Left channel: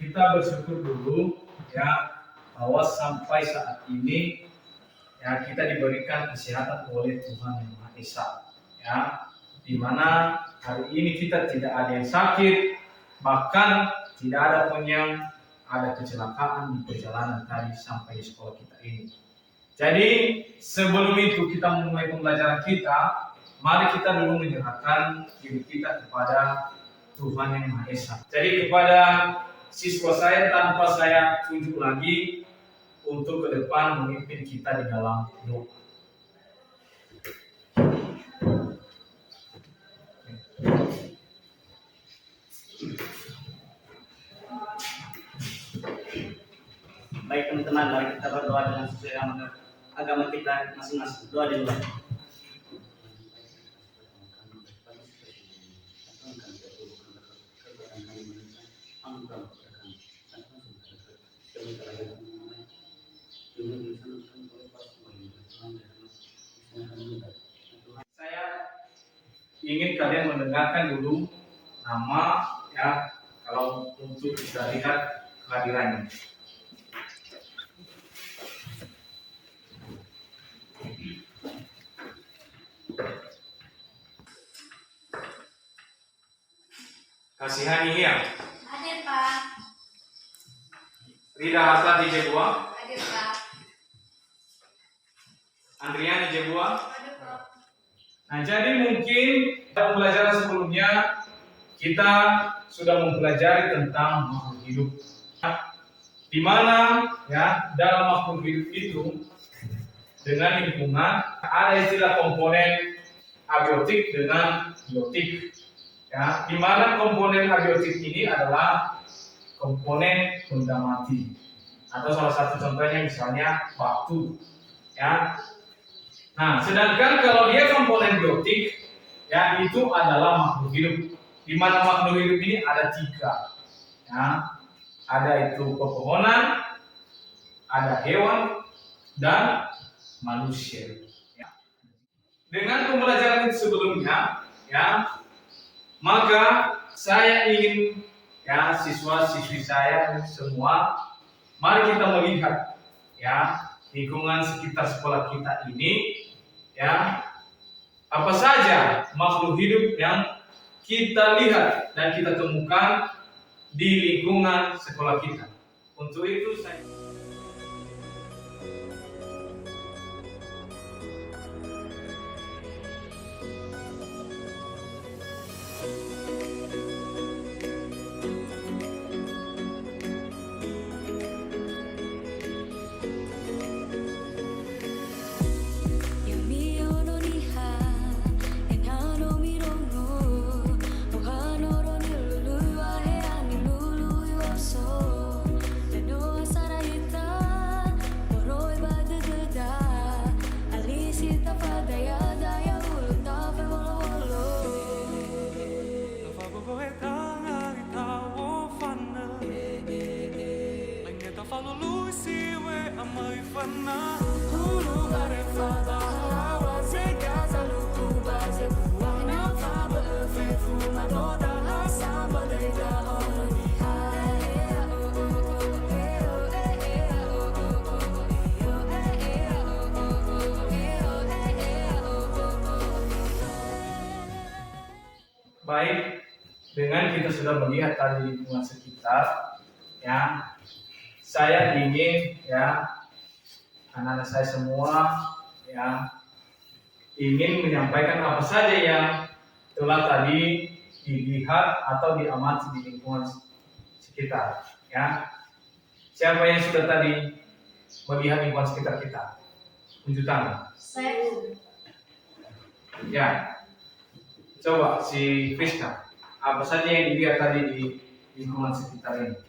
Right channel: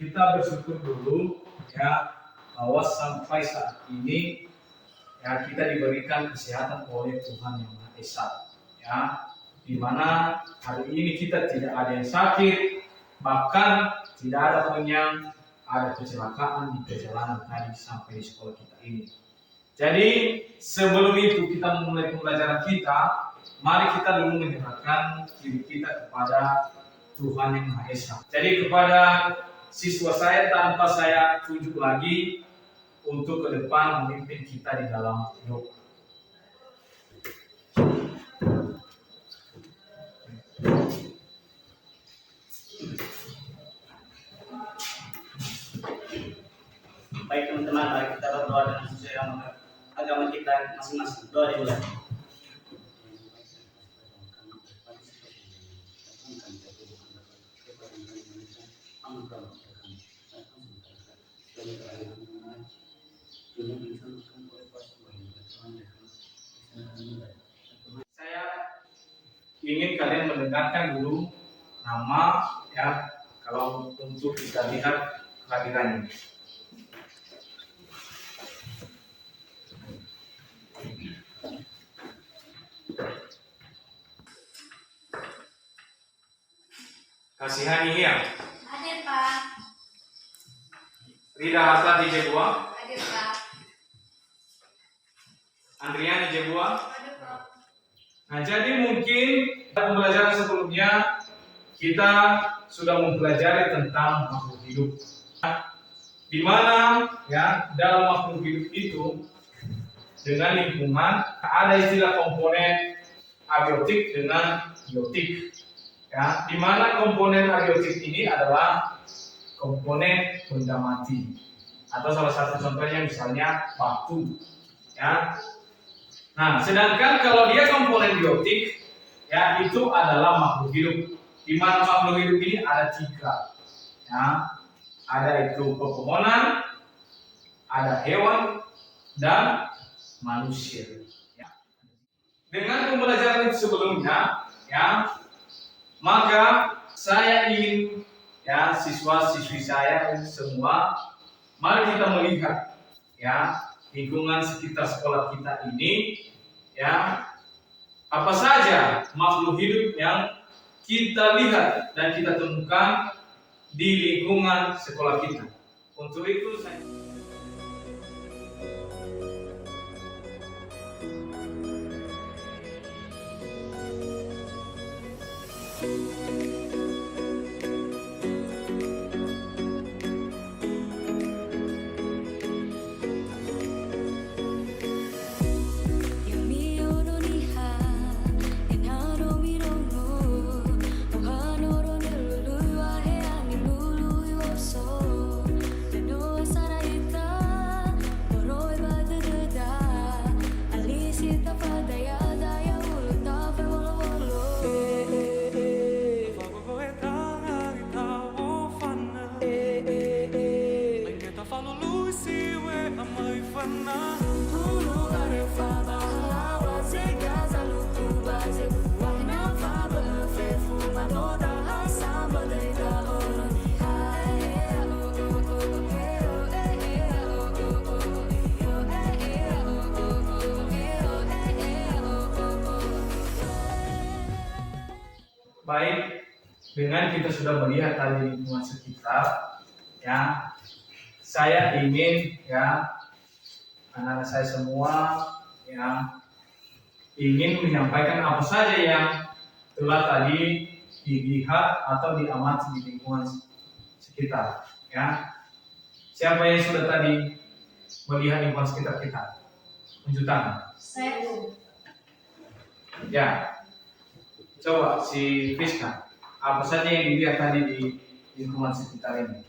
kita bersyukur dulu ya bahwa sampai saat ini ya kita diberikan kesehatan oleh Tuhan Yang Maha Esa ya, di mana hari ini kita tidak ada yang sakit, bahkan tidak ada pun yang ada kecelakaan di perjalanan tadi sampai di sekolah kita ini. Jadi sebelum itu kita memulai pembelajaran kita, mari kita dulu menyerahkan diri kita kepada Tuhan Yang Maha Esa. Jadi kepada siswa saya, tanpa saya tunjuk lagi, untuk ke depan memimpin kita di dalam doa. Baik teman-teman, mari kita berdoa dengan sesuai agama kita masing-masing. Doa dimulai. Saya ingin kalian mendengarkan dulu nama ya, kalau untuk kita lihat kehadirannya. Kasihani ya. Hadir Pak. Rida Hatta di Jebua. Hadir Pak. Andrian di Jebua. Hadir Pak. Nah, jadi mungkin pembelajaran sebelumnya kita sudah mempelajari tentang makhluk hidup. Di mana ya dalam makhluk hidup itu dengan lingkungan ada istilah komponen abiotik dengan biotik. Ya, di mana komponen abiotik ini adalah komponen benda mati. Atau salah satu contohnya misalnya batu. Ya. Nah, sedangkan kalau dia komponen biotik, ya itu adalah makhluk hidup. Di mana makhluk hidup ini ada 3. Ya. Ada itu pepohonan, ada hewan, dan manusia. Ya. Dengan pembelajaran itu sebelumnya, ya, maka saya ingin ya siswa-siswi saya semua, mari kita melihat ya lingkungan sekitar sekolah kita ini, ya apa saja makhluk hidup yang kita lihat dan kita temukan di lingkungan sekolah kita. Untuk itu saya baik, dengan kita sudah melihat tadi lingkungan sekitar, ya, saya ingin ya anak-anak saya semua ya ingin menyampaikan apa saja yang telah tadi dilihat atau diamati di lingkungan sekitar. Ya, siapa yang sudah tadi melihat lingkungan sekitar kita? Tunjuk tangan. Saya. Ya. Coba si Friska, apa saja yang dilihat tadi di lingkungan sekitar ini?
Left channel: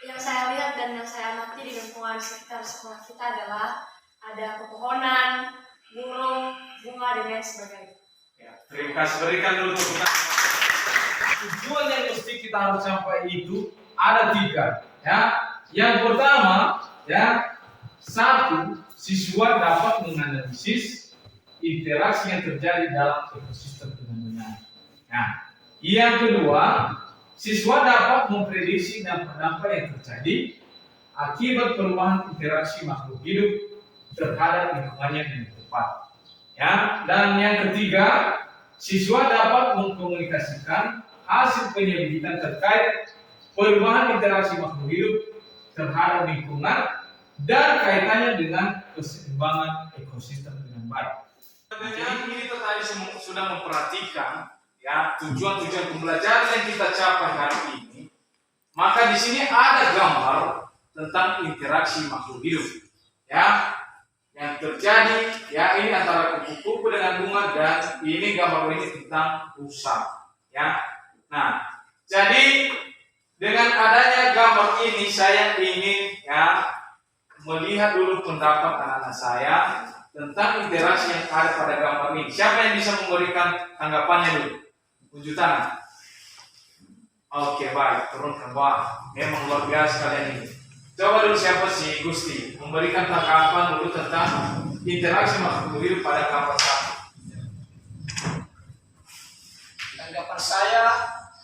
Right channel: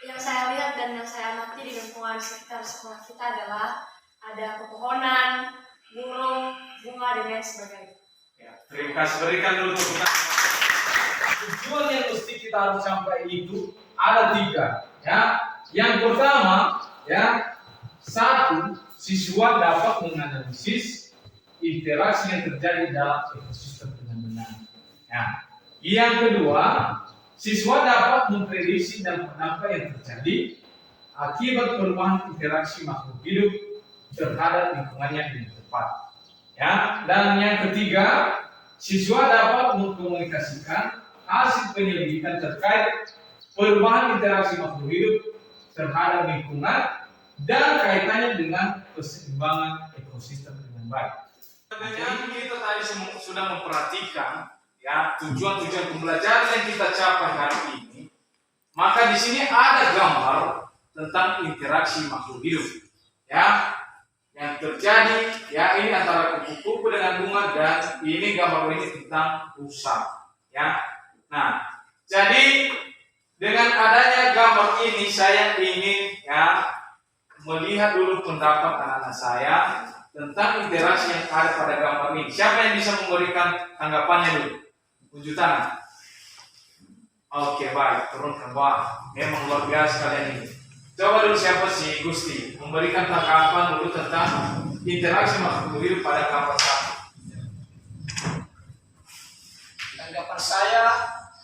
Yang saya lihat dan yang saya amati di lingkungan sekitar sekolah kita adalah ada pepohonan, burung, bunga, dan lain sebagainya. Ya, terima kasih, berikan dulu tepuk tangan. Tujuan yang mesti kita harus sampai itu ada 3. Ya, yang pertama, ya, 1, siswa dapat menganalisis interaksi yang terjadi dalam ekosistem dengan benar. Nah, yang kedua, siswa dapat memprediksi dampak-dampak yang terjadi akibat perubahan interaksi makhluk hidup terhadap lingkungannya dengan tepat. Ya, dan yang ketiga, siswa dapat mengkomunikasikan hasil penyelidikan terkait perubahan interaksi makhluk hidup terhadap lingkungan dan kaitannya dengan keseimbangan ekosistem dengan baik. Dengan kita tadi sudah memperhatikan ya tujuan-tujuan pembelajaran yang kita capai hari ini, maka di sini ada gambar tentang interaksi makhluk hidup ya yang terjadi ya, ini antara kupu-kupu dengan bunga, dan ini gambar ini tentang rusa ya. Nah, jadi dengan adanya gambar ini saya ingin ya melihat dulu pendapat anak-anak saya tentang interaksi yang ada pada gambar ini. Siapa yang bisa memberikan tanggapannya dulu? Unjuk tangan. Oke, baik, turun ke bawah. Memang luar biasa kalian ini. Coba dulu siapa sih Gusti memberikan tanggapan dulu tentang interaksi makhluk hidup pada gambar satu. Tanggapan saya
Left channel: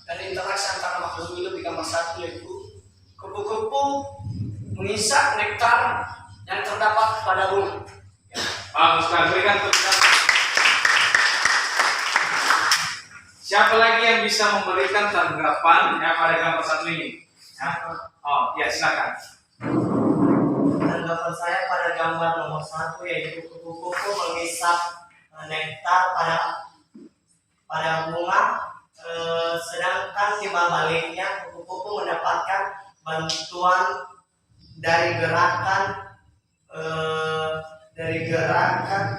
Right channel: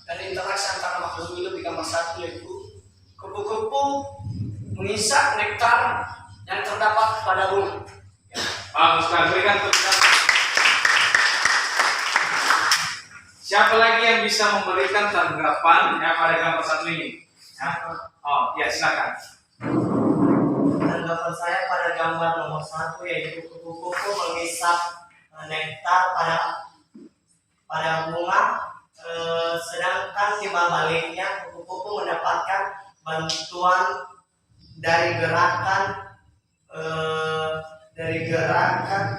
dari interaksi antara makhluk hidup di gambar satu yaitu kupu-kupu mengisap nektar yang terdapat pada bunga. Bagus sekali, berikan tepuk tangan. Siapa lagi yang bisa memberikan tanggapan ya pada gambar satu ini? Ya. Oh, ya silakan. Tanggapan saya pada gambar nomor 1 yaitu kupu-kupu mengisap nektar pada bunga, sedangkan timbal baliknya kupu-kupu mendapatkan bantuan dari gerakan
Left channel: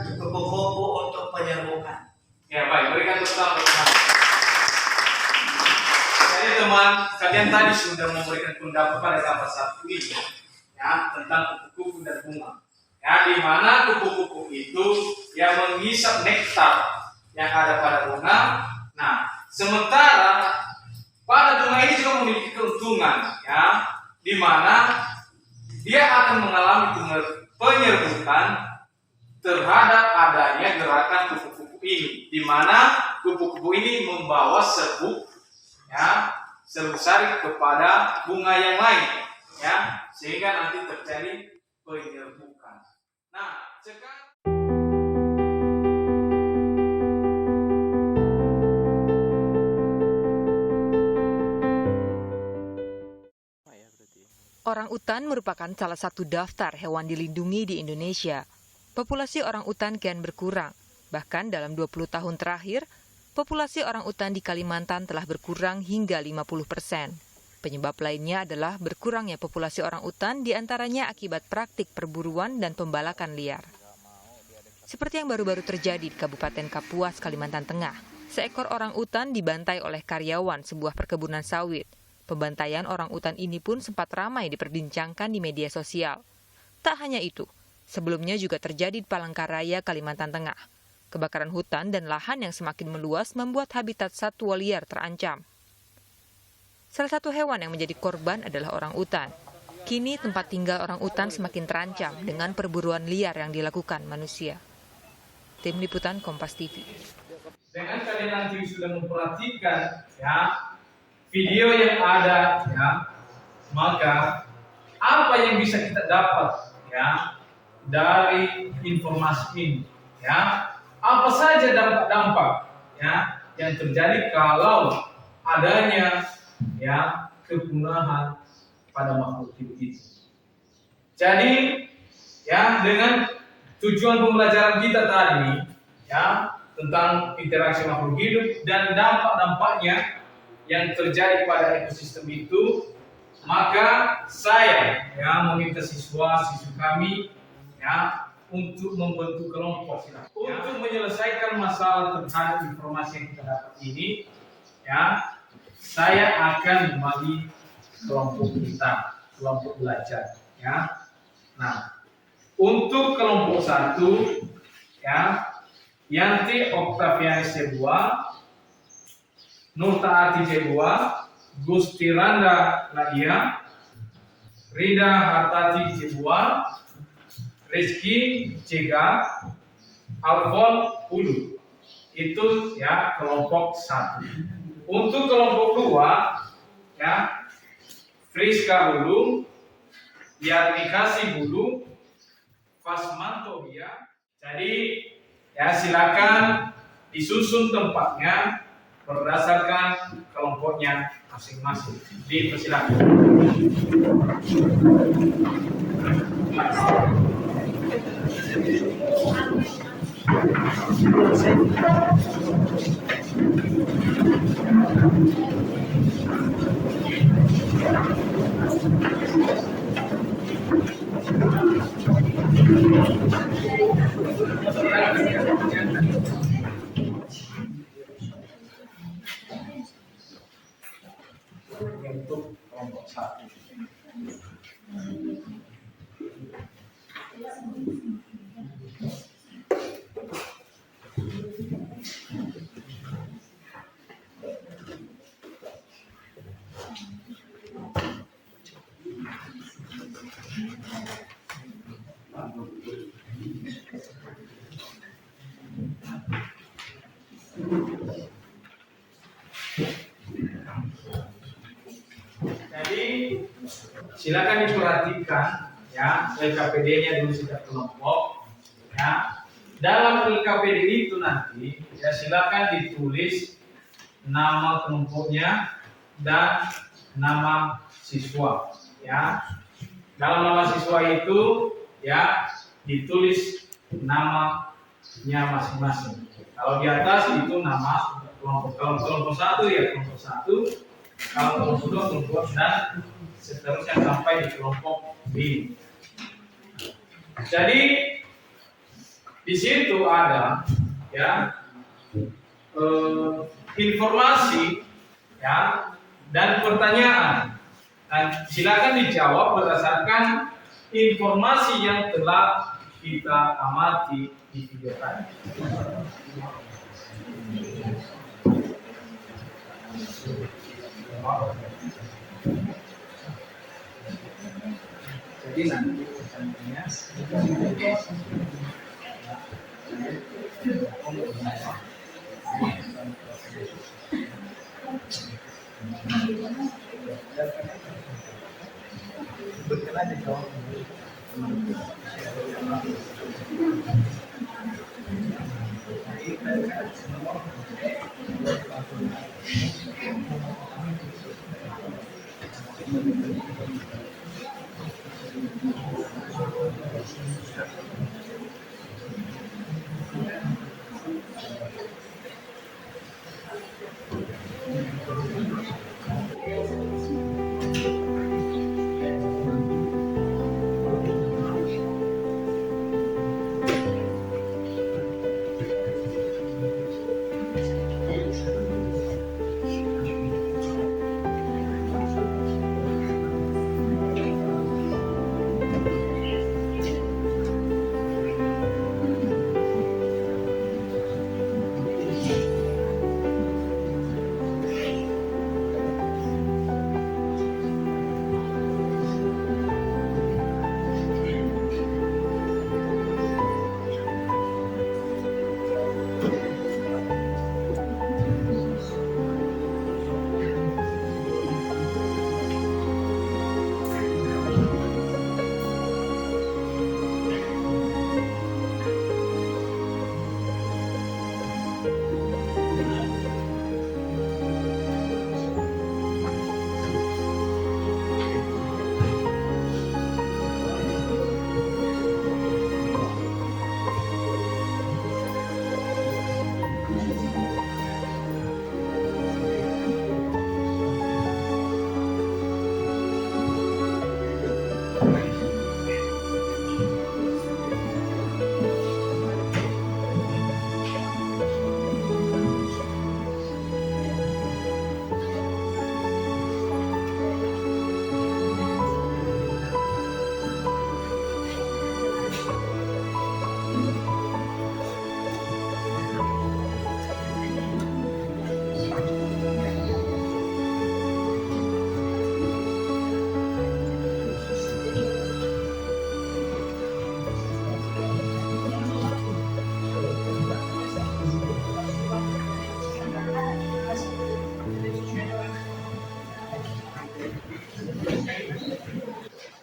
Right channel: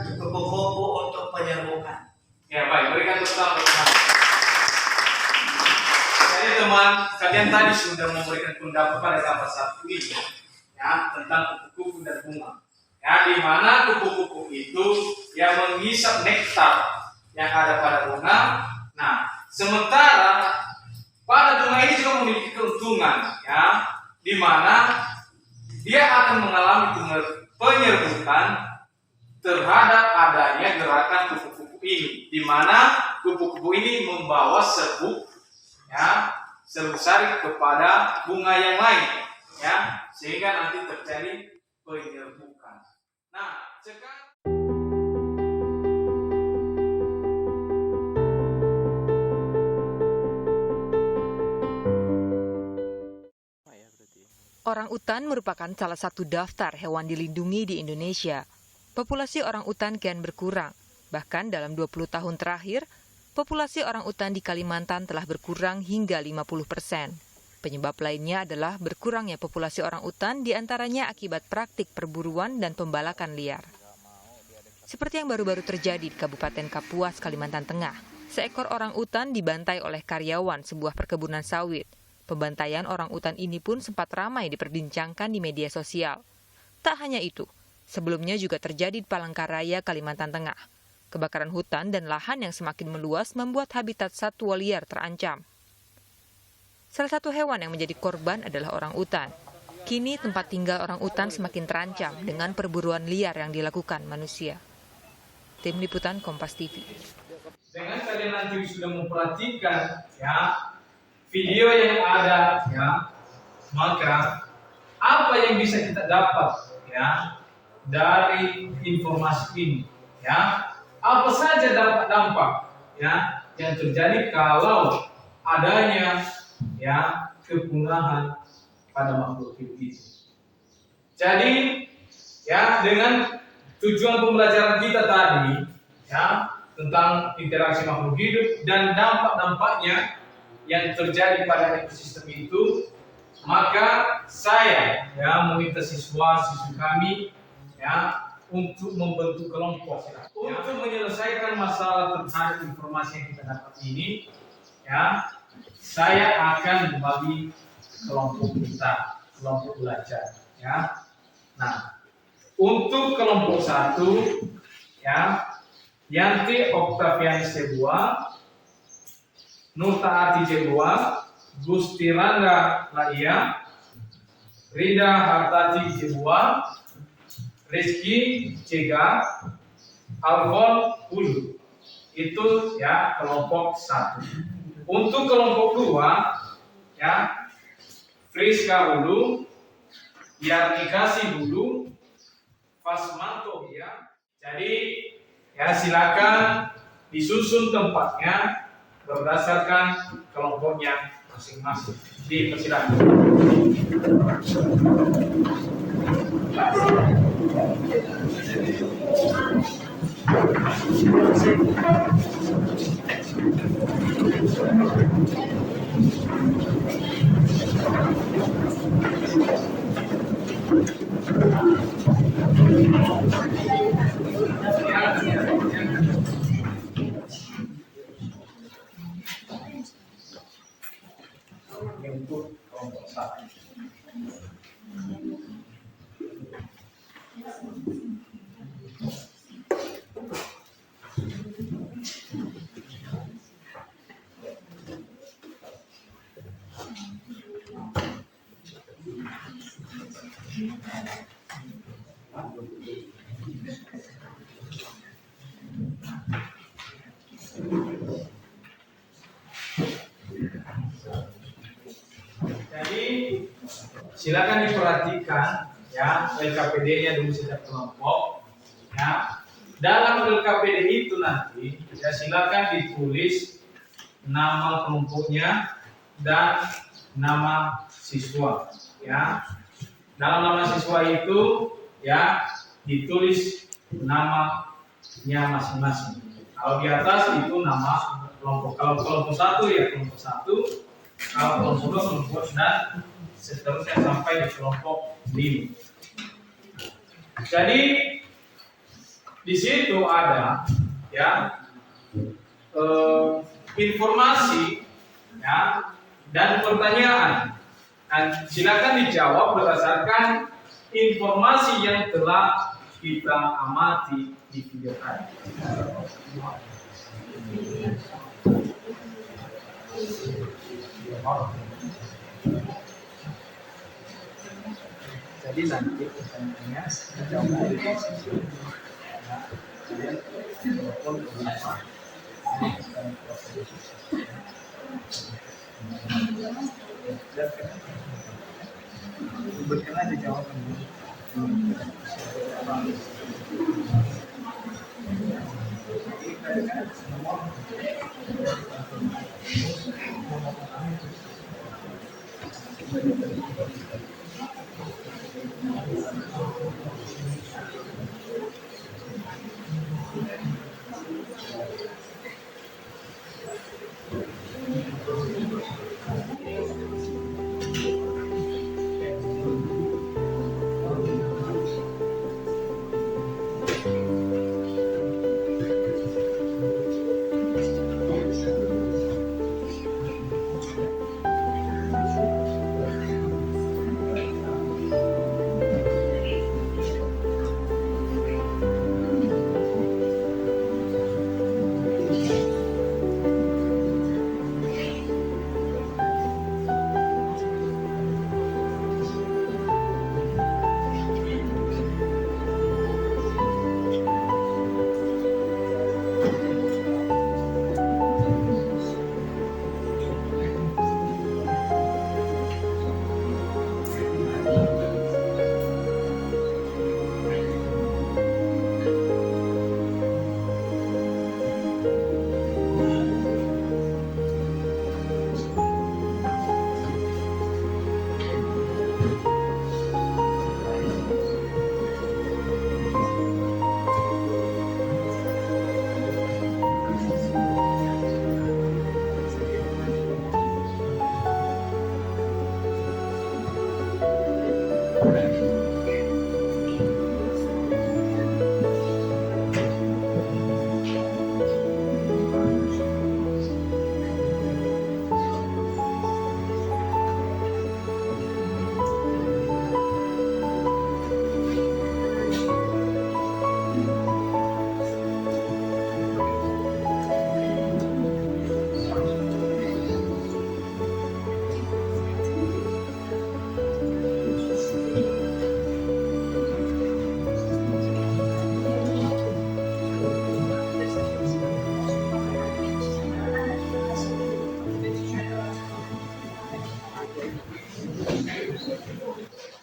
kupu-kupu untuk penyerbukan. Ya baik, berikan tepuk tangan. Jadi teman, kalian tadi sudah memberikan pendapat pada gambar satu ini ya tentang kupu-kupu dan bunga. Ya, di mana kupu-kupu itu yang menghisap nektar yang ada pada bunga. Nah, sementara pada bunga ini juga memiliki keuntungan ya, di mana dia akan mengalami penyerbukan terhadap adanya gerakan kupu-kupu ini, di mana kupu-kupu ini membawa serbuk ya, serbuk sari kepada bunga yang lain ya, sehingga nanti terjadi penyerbukan. Nah, sekarang Orangutan merupakan salah satu daftar hewan dilindungi di Indonesia. Populasi orangutan kian berkurang. Bahkan dalam 20 tahun terakhir, populasi orangutan di Kalimantan telah berkurang hingga 50%. Penyebab lainnya adalah berkurangnya populasi orangutan diantaranya akibat praktik perburuan dan pembalakan liar. Seperti yang baru-baru terjadi di Kabupaten Kapuas, Kalimantan Tengah. Seekor orangutan dibantai oleh karyawan sebuah perkebunan sawit. Pembantaian orangutan ini pun sempat ramai diperbincangkan di media sosial. Tak hanya itu, sebelumnya juga terjadi di Palangkaraya, Kalimantan Tengah. Kebakaran hutan dan lahan yang semakin meluas membuat habitat satwa liar terancam. Salah satu hewan yang menjadi korban adalah orangutan. Kini tempat tinggal orangutan semakin terancam dengan perburuan liar yang dilakukan manusia. Tim Liputan Kompas TV. dengan kalian nanti sudah memperhatikan ya video yang ada ya, maka apa yang bisa kita dapat ya dari informasi ini ya, apa saja dampak-dampak ya yang terjadi kalau adanya ya kepunahan pada makhluk hidup itu. Jadi ya dengan tujuan pembelajaran kita tadi ya tentang interaksi makhluk hidup dan dampak-dampaknya yang terjadi pada ekosistem itu, maka saya ya meminta siswa-siswi kami ya untuk membentuk kelompok ya, untuk menyelesaikan masalah terhadap informasi yang kita dapat ini ya. Saya akan membagi kelompok kita, kelompok belajar ya. Nah, untuk kelompok 1 ya, Yanti Oktavian Sebuah, Nurtaati Jebua, Gusti Randa Laia, Rida Hartati Jebua, Rizky Cega, Alfon Ulu. Itu ya kelompok 1. Untuk kelompok 2 ya, Friska Hulu, Yarnikasi Hulu, Fasmanto ya. Jadi ya silakan disusun tempatnya berdasarkan kelompoknya masing-masing. Dipersilakan. Untuk kelompok satu. Jadi silakan diperhatikan ya LKPD-nya dulu setiap kelompok ya. Dalam LKPD itu nanti ya silakan ditulis nama kelompoknya dan nama siswa ya. Dalam nama siswa itu ya ditulis namanya masing-masing. Kalau di atas itu nama kelompok. Kalau kelompok satu ya kelompok satu. Kalau kelompok dua kelompok dan seterusnya sampai di kelompok 5. Jadi di situ ada ya informasi ya dan pertanyaan. Dan silakan dijawab berdasarkan informasi yang telah kita amati di video tadi. Jadi nanti pertanyaannya dijawab berkenan dijawab dulu.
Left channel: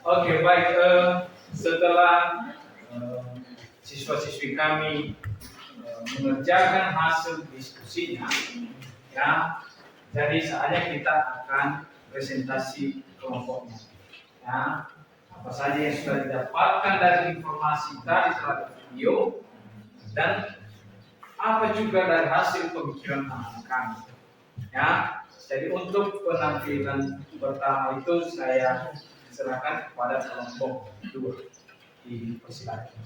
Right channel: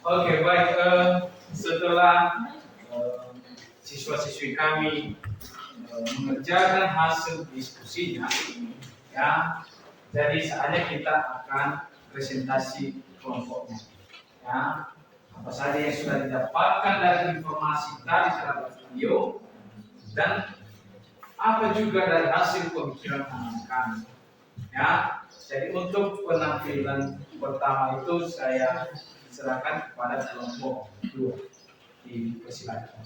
Oke, baik. Setelah siswa-siswi kami mengerjakan hasil diskusinya, ya, jadi saatnya kita akan presentasi kelompoknya. Ya, apa saja yang sudah didapatkan dari informasi tadi terhadap video dan apa juga dari hasil pemikiran anak kami. Ya, jadi untuk penampilan pertama itu saya serahkan kepada kelompok 2. Dipersilakan.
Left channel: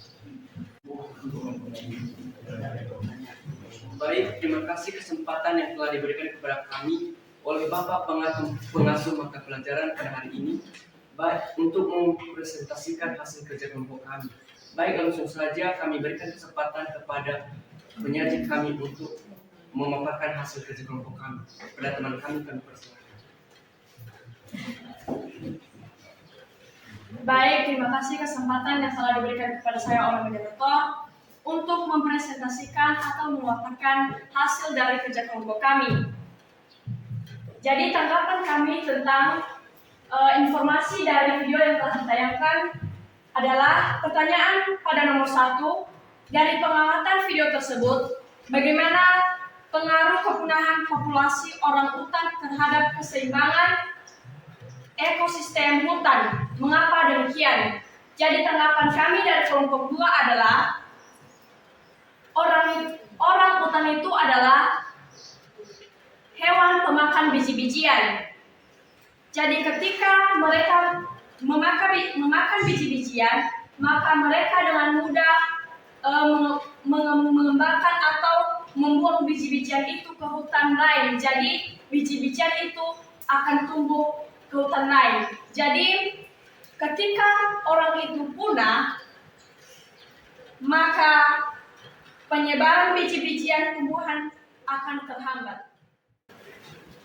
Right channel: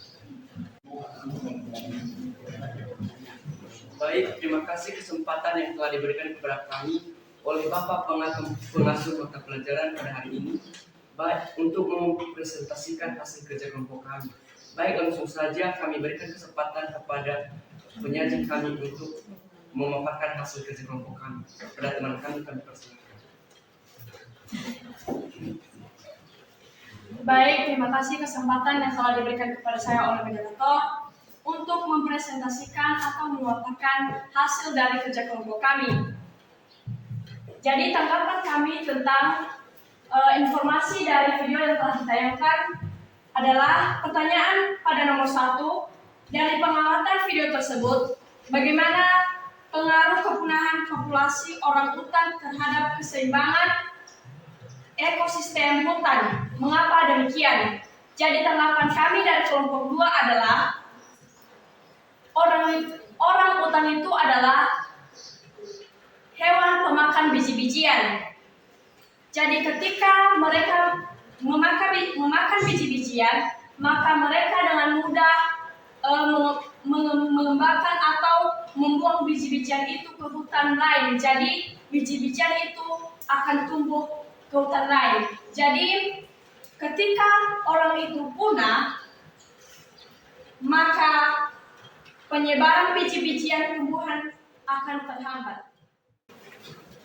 Baik, terima kasih kesempatan yang telah diberikan kepada kami oleh Bapak Pengasuh Mata Pelajaran pada hari ini, baik untuk mempresentasikan hasil kerja kelompok kami. Baik, langsung saja kami berikan kesempatan kepada penyaji kami untuk memaparkan hasil kerja kelompok kami. Kepada teman kami persilakan. Baik, terima kasih kesempatan yang telah diberikan kepada saya oleh moderator untuk mempresentasikan atau memaparkan hasil dari kerja kelompok kami. Jadi tanggapan kami tentang informasi dari video yang telah ditayangkan adalah pertanyaan pada nomor 1. Dari pengamatan video tersebut, bagaimana pengaruh kepunahan populasi orang utan terhadap keseimbangan ekosistem hutan? Mengapa demikian? Jadi tanggapan kami dari kelompok 2 adalah orang utan itu adalah hewan pemakan biji-bijian. Jadi ketika mereka memakan biji-bijian, maka mereka dengan mudah mengembangkan atau membuang biji-bijian itu ke hutan lain. Jadi biji-bijian itu akan tumbuh ke hutan lain. Jadi ketika orang itu punah, maka penyebaran biji-bijian tumbuhan akan terhambat.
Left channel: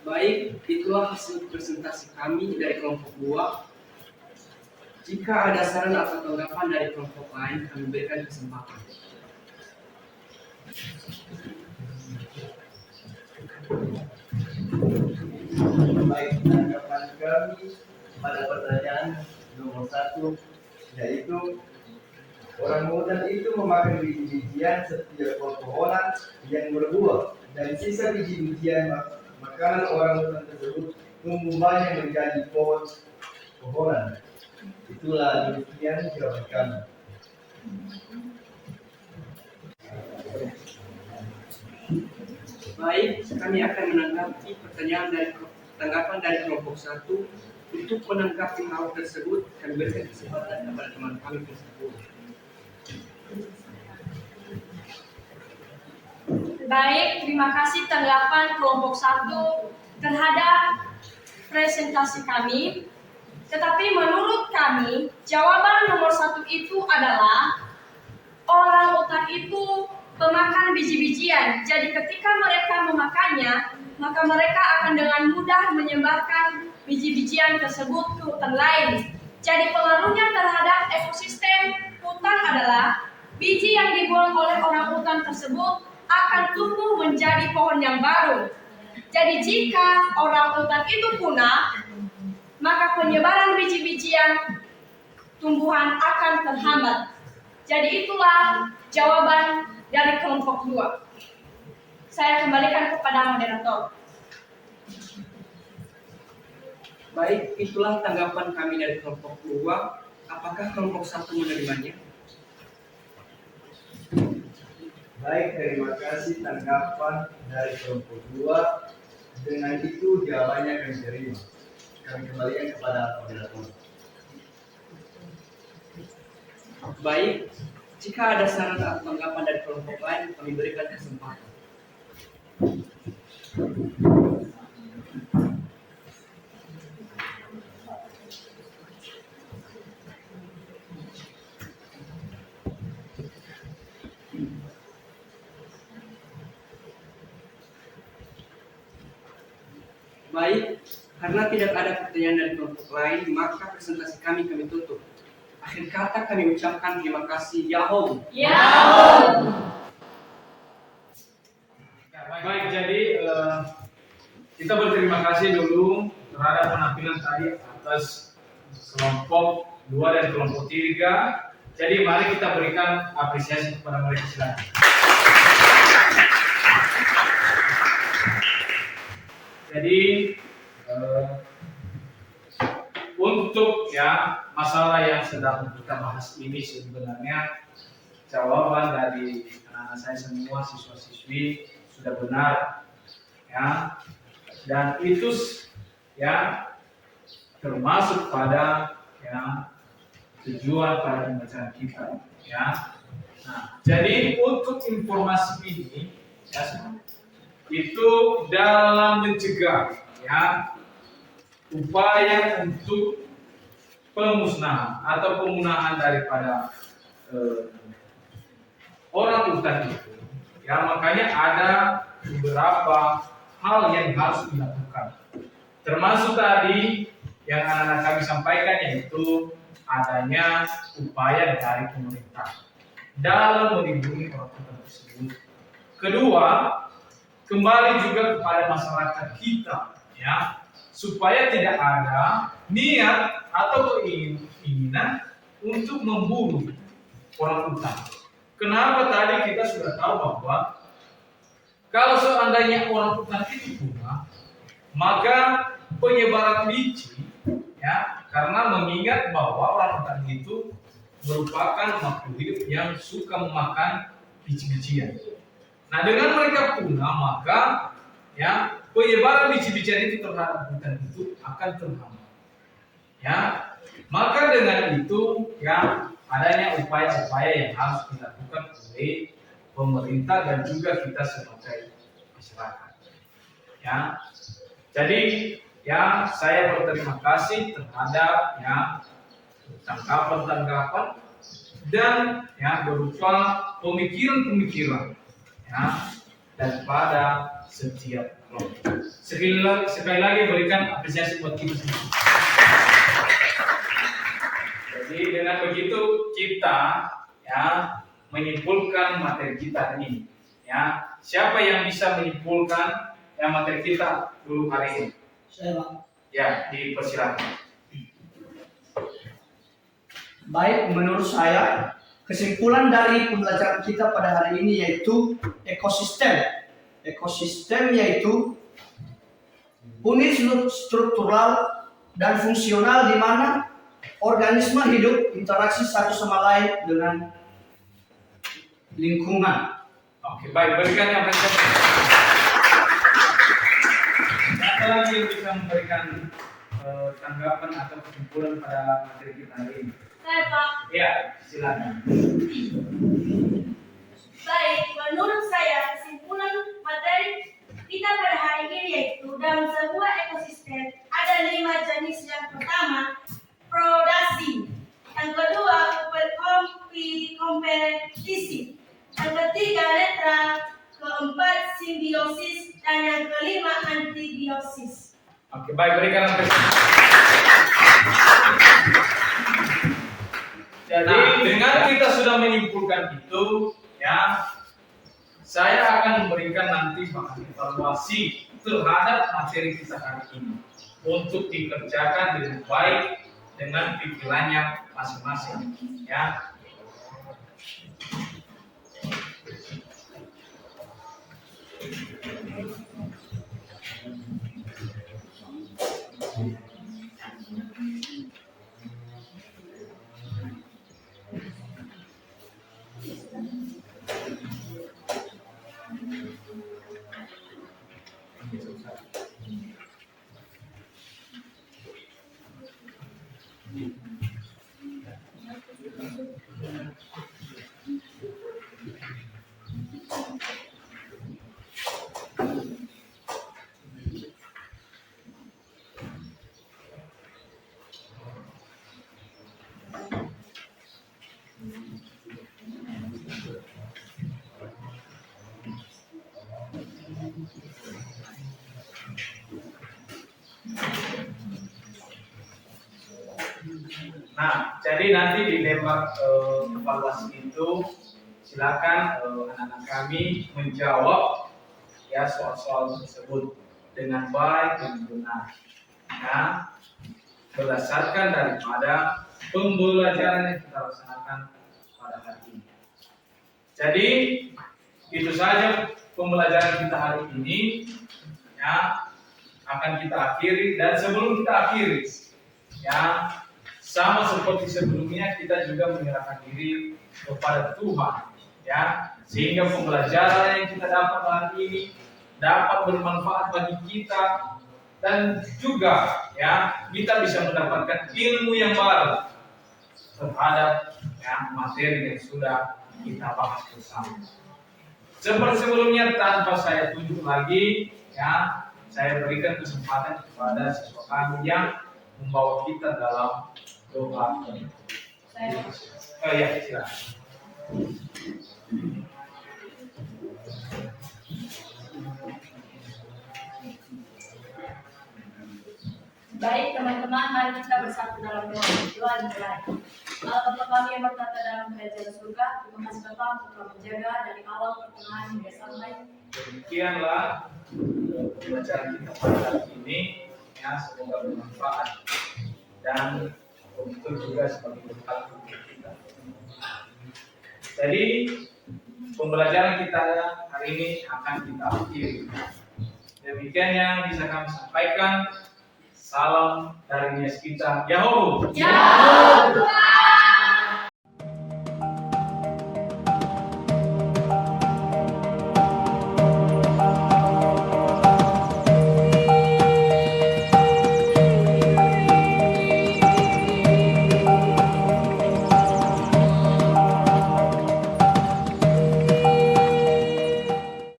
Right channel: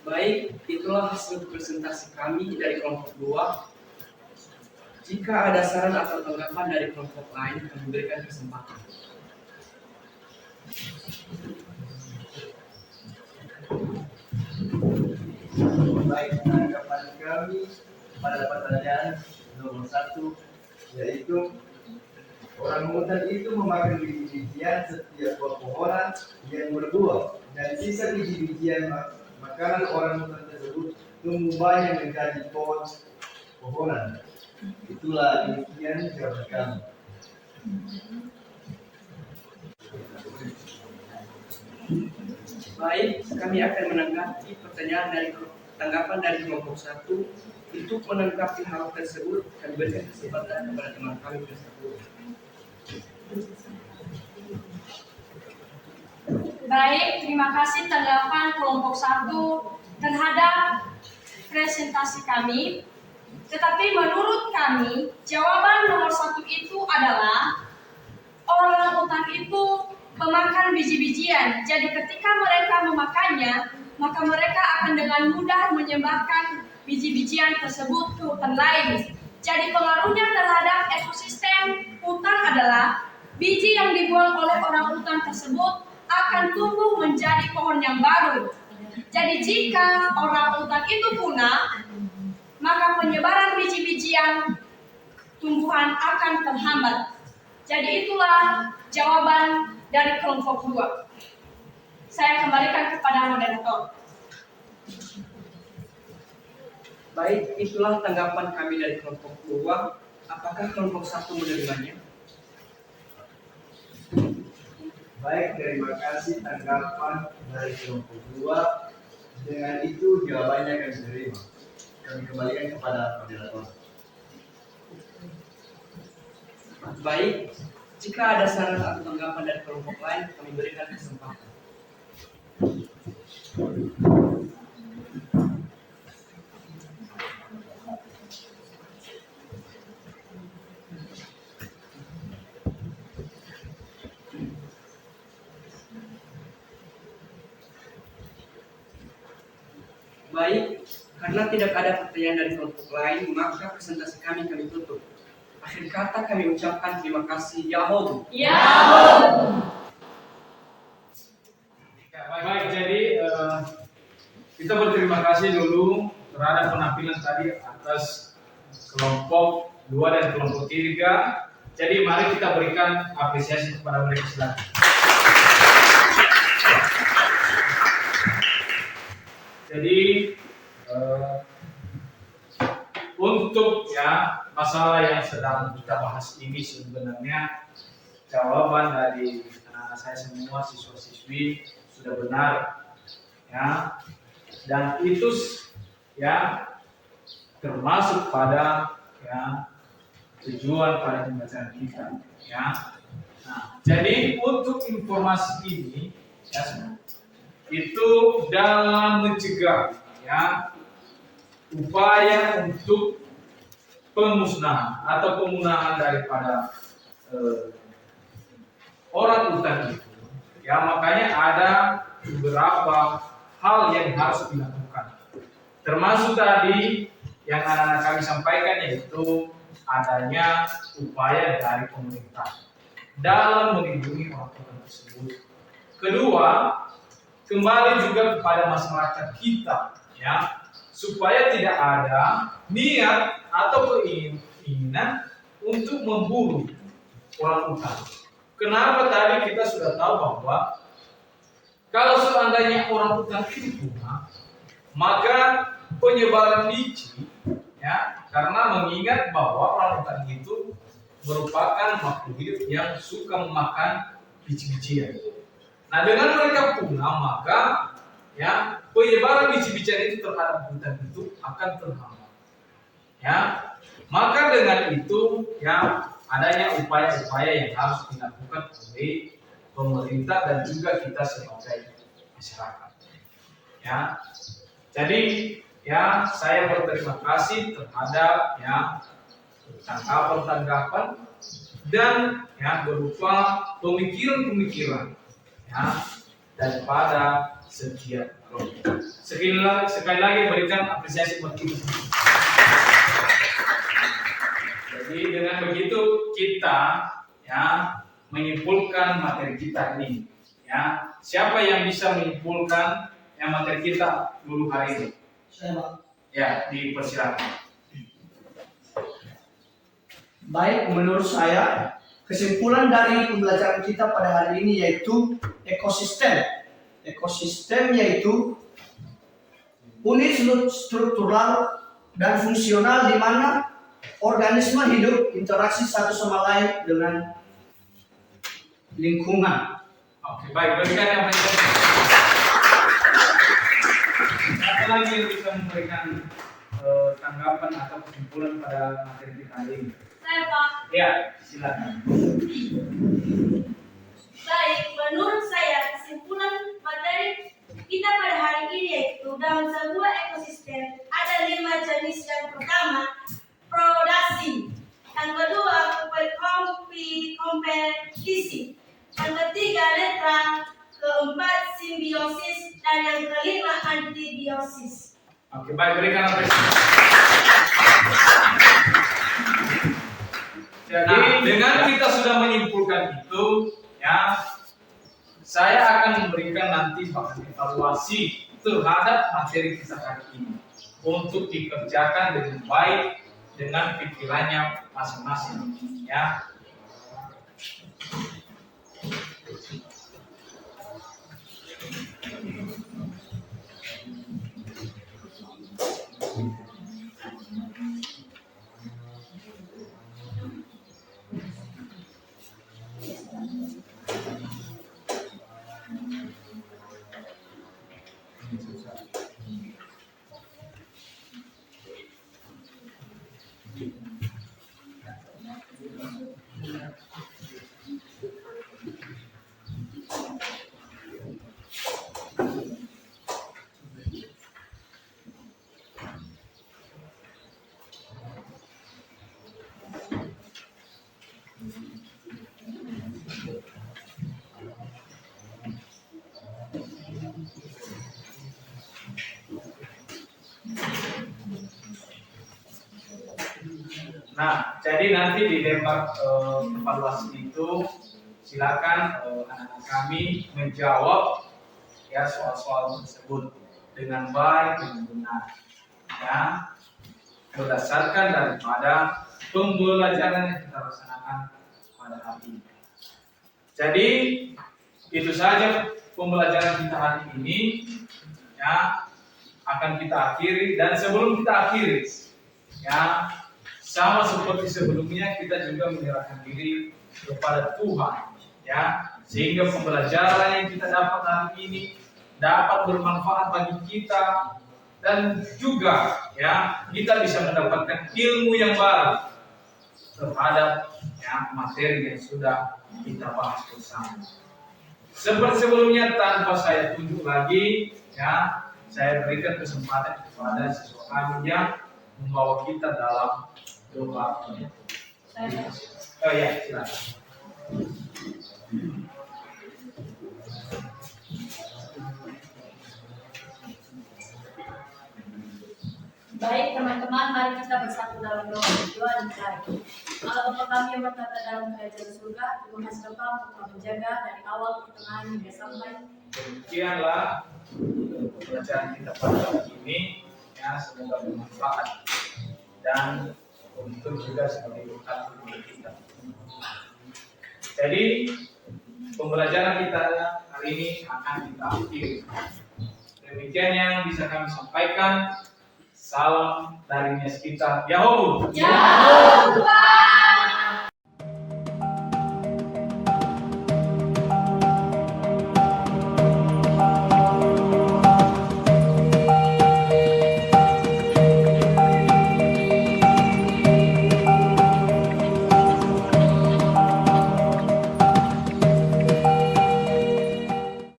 Baik, itulah hasil presentasi kami dari kelompok 2. Jika ada saran atau tanggapan dari kelompok lain, kami berikan kesempatan. Baik, tanggapan kami pada pertanyaan nomor 1, yaitu orang hutan itu memakan biji-bijian setiap pepohonan yang berbuah, dan sisa biji-bijian makanan orang hutan tersebut tumbuh banyak menjadi pohonan. Itulah demikian jawaban kami. Baik, kami akan menanggapi pertanyaan dari tanggapan dari kelompok 1. Untuk menanggapi hal tersebut, kami berikan kesempatan kepada teman kami tersebut. Baik, terima kasih tanggapan kelompok 1 terhadap presentasi kami. Tetapi menurut kami, jawaban nomor 1 itu adalah orang utan itu pemakan biji-bijian. Jadi ketika mereka memakannya, maka mereka akan dengan mudah menyebarkan biji-bijian tersebut ke hutan lain. Jadi pengaruhnya terhadap ekosistem hutan adalah biji yang dibuang oleh orang hutan tersebut akan tumbuh menjadi pohon yang baru. Jadi jika orang hutan itu punah, maka penyebaran biji-bijian tumbuhan akan terhambat. Jadi itulah jawaban dari kelompok 2. Saya kembalikan kepada moderator. Baik, itulah tanggapan kami dari kelompok 2. Apakah kelompok 1 menerimanya? Baik, terima kasih tanggapan dari kelompok 2. Dengan itu jawabannya kami terima. Kami kembalikan kepada moderator. Baik, jika ada saran atau tanggapan dari kelompok lain, kami berikan kesempatan. Baik, karena tidak ada pertanyaan dari kelompok lain, maka presentasi kami tutup. Akhir kata kami ucapkan terima kasih. Yahoo! Baik, jadi kita berterima kasih dulu terhadap penampilan tadi atas kelompok 2 dan kelompok 3. Jadi mari kita berikan apresiasi kepada mereka, silakan. Jadi untuk ya masalah yang sedang kita bahas ini sebenarnya jawaban dari anak-anak saya semua siswa-siswi sudah benar ya, dan itu ya termasuk pada ya tujuan pada pembacaan kita ya. Nah, jadi untuk informasi ini ya itu dalam mencegah ya upaya untuk pemusnahan atau pemunahan daripada orang utan itu ya, makanya ada beberapa hal yang harus dilakukan, termasuk tadi yang anak-anak kami sampaikan, yaitu adanya upaya dari pemerintah dalam melindungi orang utan tersebut. Kedua, kembali juga kepada masyarakat kita ya, supaya tidak ada niat atau keinginan untuk memburu orang utan. Kenapa tadi kita sudah tahu bahwa kalau seandainya orang utan itu punah, maka penyebaran biji ya, karena mengingat bahwa orang utan itu merupakan makhluk hidup yang suka memakan biji-bijian. Nah, dengan mereka punah, maka ya penyebaran biji-bijian itu terhadap hutan itu akan terhambat. Ya, maka dengan itu ya adanya upaya-upaya yang harus dilakukan oleh pemerintah dan juga kita sebagai masyarakat. Ya, jadi ya saya berterima kasih terhadap ya tanggapan-tanggapan dan ya berupa pemikiran-pemikiran ya daripada setiap kelompok. Sekali lagi berikan apresiasi buat kita semua. Jadi dengan begitu kita ya menyimpulkan materi kita ini. Ya, siapa yang bisa menyimpulkan yang materi kita dulu hari ini? Saya, Pak. Ya, dipersilakan. Baik, menurut saya kesimpulan dari pembelajaran kita pada hari ini yaitu ekosistem. Ekosistem yaitu unit struktural dan fungsional di mana organisme hidup interaksi satu sama lain dengan lingkungan. Oke, baik, berikan yang paling penting. Siapa lagi yang bisa memberikan tanggapan atau kesimpulan pada materi kita hari ini? Saya, Pak. Ya, silakan. Baik, menurut saya kesimpulan materi kita pada hari ini yaitu dalam sebuah ekosistem ada 5 jenis. Yang pertama, predasi. Yang kedua, kompetisi. Yang ketiga, netral. Keempat, simbiosis. Dan yang kelima, antibiosis. Oke, baik, berikan apresiasi. Jadi dengan kita sudah menyimpulkan itu, ya, saya akan memberikan nanti bahan evaluasi terhadap materi kita hari ini untuk dikerjakan dengan baik dengan pikirannya masing-masing, ya. Nah, jadi nanti di lembar evaluasi itu silakan anak-anak kami menjawab ya soal-soal tersebut dengan baik dan benar, ya, berdasarkan daripada pembelajaran yang kita laksanakan pada hari ini. Jadi itu saja pembelajaran kita hari ini, ya, akan kita akhiri. Dan sebelum kita akhiri, ya, sama seperti sebelumnya kita juga menyerahkan diri kepada Tuhan, ya, sehingga pembelajaran yang kita dapat hari ini dapat bermanfaat bagi kita, dan juga, ya, kita bisa mendapatkan ilmu yang baru terhadap, ya, materi yang sudah kita bahas bersama. Seperti sebelumnya, tanpa saya tunjuk lagi, ya, saya berikan kesempatan kepada siswa kami yang membawa kita dalam doa. Oh iya, silakan. Baik teman-teman, mari kita bersatu dalam doa dimulai. Allah Bapa kami yang bertata dalam kerajaan surga, terima kasih Bapa untuk telah menjaga dari awal pertengahan hingga sampai. Demikianlah pembelajaran kita pada hari ini, ya, semoga bermanfaat dan untuk juga sebagai berkat untuk kita. Jadi pembelajaran kita hari ini akan kita akhiri. Demikian yang bisa kami sampaikan. Salam dari Nias kita. Yahoo! Ya Tuhan.